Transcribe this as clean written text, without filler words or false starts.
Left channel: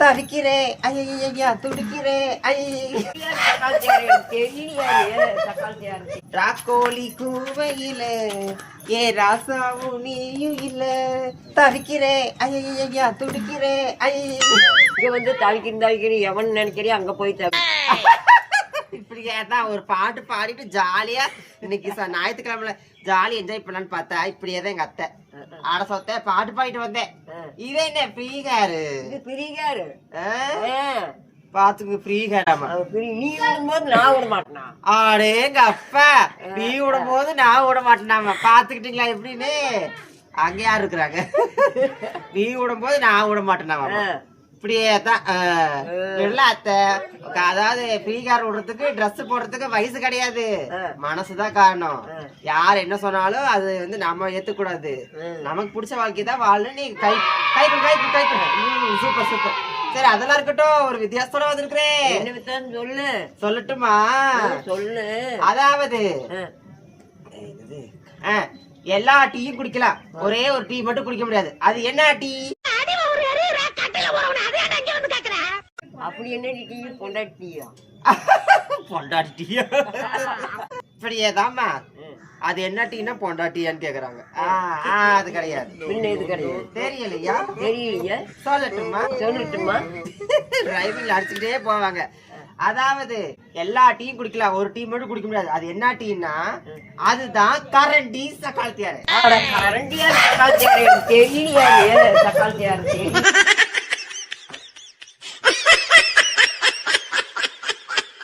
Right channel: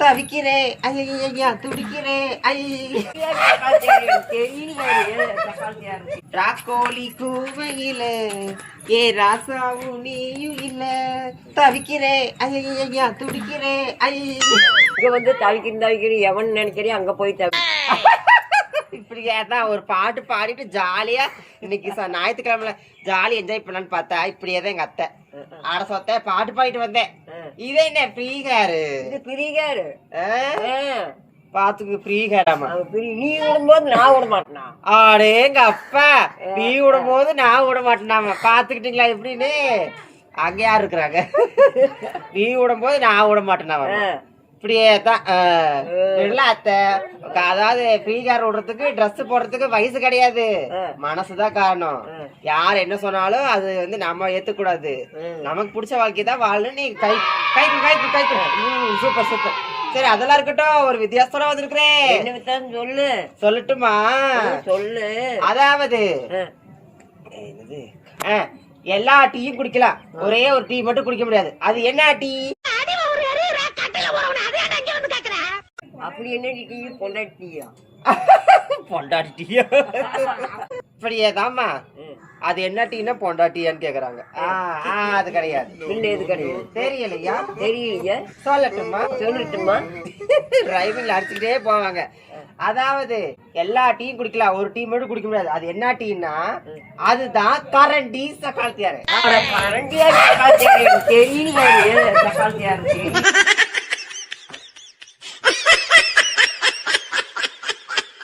தவிக்கிறேன் ஐயா துடிக்கிறேன் ராக்கோழி கூவையில ஏ ராசாவும் நீயும் இல்ல தவிக்கிறேன் ஐயா துடிக்கிறேன் இங்க வந்து தவிக்கிறேன் எவன் நினைக்கிறேன் அங்க போய் இப்படியேதான் ஒரு பாட்டு பாடிட்டு ஜாலியா இன்னைக்கு ஞாயிற்றுக்கிழமைல ஜாலியா என்ஜாய் பண்ணலான்னு பார்த்தா இப்படியேதான் எங்க அத்தை ஆட சொத்த பாட்டு பாடிட்டு வந்தேன். இதே என்ன ஃப்ரீகாரு பிரிகாரு பாத்துக்கு ஃப்ரீகாராமா நீ விடும்போது நான் விட மாட்டேனா ஆடே எங்க அப்பா நீ விடும் போது நான் விட மாட்டேனாமா பாத்துக்கிட்டீங்களா எப்படின்னு அங்க யாரு இருக்கிறாங்க நீ விடும் போது நான் விட மாட்டேனாவா இப்படியே தான் அத்தை. அதாவது ஃப்ரீகார் விடுறதுக்கு ட்ரெஸ் போடுறதுக்கு வயசு கிடையாது, மனசுதான் காரணம். யார் என்ன சொன்னாலும் அது வந்து நம்ம ஏத்துக்கூடாது. நமக்கு பிடிச்ச வாழ்க்கை தான் வாழு. நீ கை கை கை கை சூப்பர் சூப்பர். சரி அதெல்லாம் இருக்கட்டும், ஒரு வித்தியாசத்தோட வந்திருக்கிறேன். சொல்லு. சொல்லட்டுமா? சொல்லு. அதாவது எல்லா டீயும் குடிக்கலாம், ஒரே ஒரு டீ மட்டும் குடிக்க முடியாது. அது என்ன டீ? அப்படி என்ன டீ? பொண்டாட்டியா? பொண்டாட்டியா? இப்படியேதாம்மா. அது என்ன டீனா பொண்டாட்டியான்னு கேக்குறாங்க. அது கிடையாது. தெரியலையா? தெரியலையா? சொல்லட்டுமா? சொல்லட்டுமா? டிரைவிங்ல அடிச்சுட்டே போவாங்க. அதாவது எல்லா டீயும் குடிக்கலாம், ஒரு டீ மட்டும் குடிக்க முடியாது. அது என்ன டீனா அதுதான் கரண்டி சக்காலத்தியாரு. கரண்டியா சக்காலத்தியாரு தெரியல. சக்காலத்தியாரு